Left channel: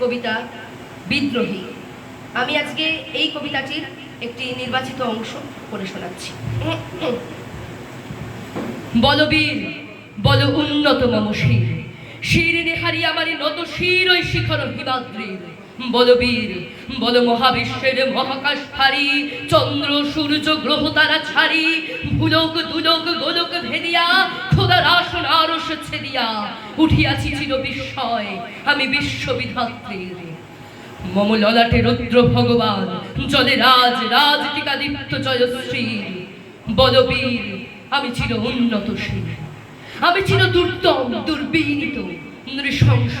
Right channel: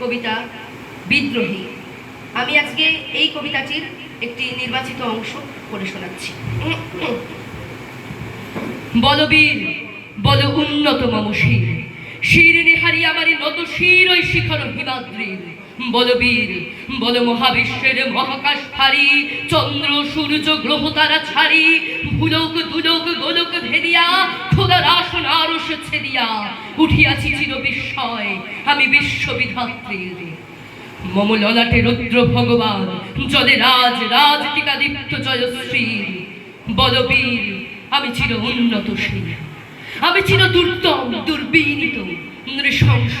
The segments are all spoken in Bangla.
কবিতা বিদ্রোহী। আমি আজকে এই কবিতাটির একটি নির্বাচিত অংশ পড়ে শোনাচ্ছি। বলবীর বল উন্নত মম শির, শির নেহারি আমারি নত শির ওই শিখর হিমাদ্রির। বলবীর বল মহাবিশ্বের মহাকাশ হারি, চন্দ্র সূর্য গ্রহ তারা ছাড়ি, ভুলোক দুলোক গোলক ভেদিয়া খোদার আসন আরশ ছেদিয়া উঠিয়াছি চির বিস্ময় আমি বিশ্ববিধাত্রীর। মম ললাটে রুদ্র ভগবান জলে রাজ রাজ টিকাদীপ্ত জয়শ্রী। বলবীর আমি চির উন্নতশীল, আমি চির দুর্দম দুর্বিনীত নৃশংস।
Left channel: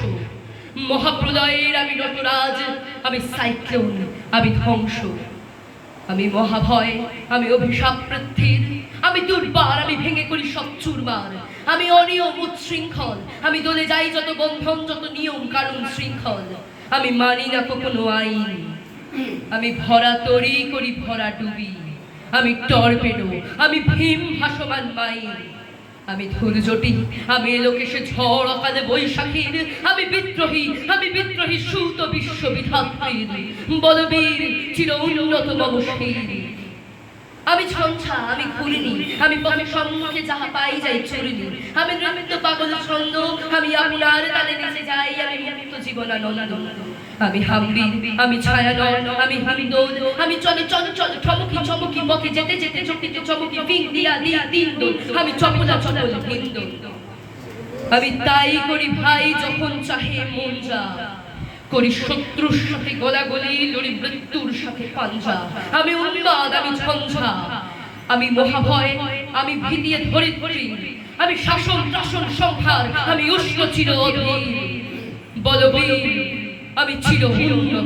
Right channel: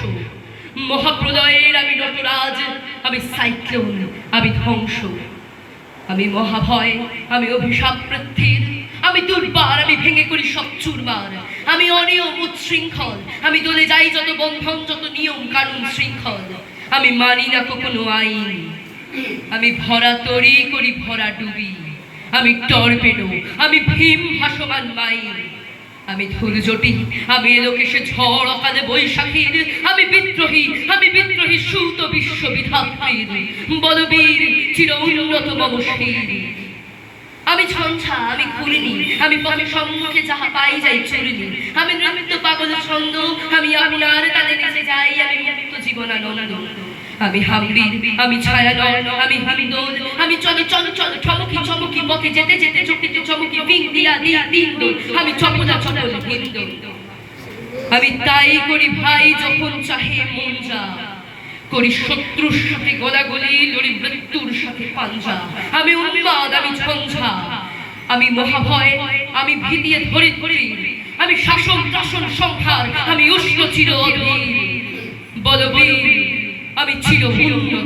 মহাপ্রলয়ের আমি নটরাজ, আমি সাইক্লোন, আমি ধ্বংস। আমি মহাভয়, আমি অভিশাপ পৃথ্বীর, আমি দুর্বার, আমি ভেঙে করি সব চুরমার। আমি অনিয়ম উচ্ছৃঙ্খল, আমি দলে যাই যত বন্ধন যত নিয়ম কানুন শৃঙ্খল। আমি মানি না কোনো আইন, আমি ভরা তরি করি ভরা ডুবি। আমি টর্পেডো, আমি ভীম ভাসমান মাইন। আমি ধৈর্যটি, আমি এলোকেশে ঝড় অকালে বৈশাখীর। আমি বিদ্রোহী সুত বিশ্ববিধাত্রীর। বলবীর চির উন্নত মম শির। আমি ঝঞ্ঝা, আমি ঘুরিনি, আমি পথে সম্মুখে যাহা পাই যাই চুরিনি। আমি নৃত্য পাগল ছন্দ, আমি আপনার তালে নেচে যাই, আমি মুক্ত জীবনানন্দ। আমি হাম্বি, আমি ছায়ানল, আমি হিন্দোল, আমি চলে চঞ্চল ঠমকি চমকি পথে যেতে যেতে চকিতে চমকি বিং দিয়া দিয়া দিন দোল। আমি চপলা চপল হিন্দোল। আমি তাই করি ভাই যখন চাহে মন যা, করি শত্রুর সাথে গোলাগুলি, লড়ি মৃত্যুর সাথে পাঞ্জা। আমি উন্মাদ, আমি ঝঞ্ঝা, আমি মহাভয়, আমি ভীতিয়ে ধরিত্রী। আমি শাসন টাসন সংহার, আমি উষ্ণ চির অধীর। বলবীর আমি চির উন্নত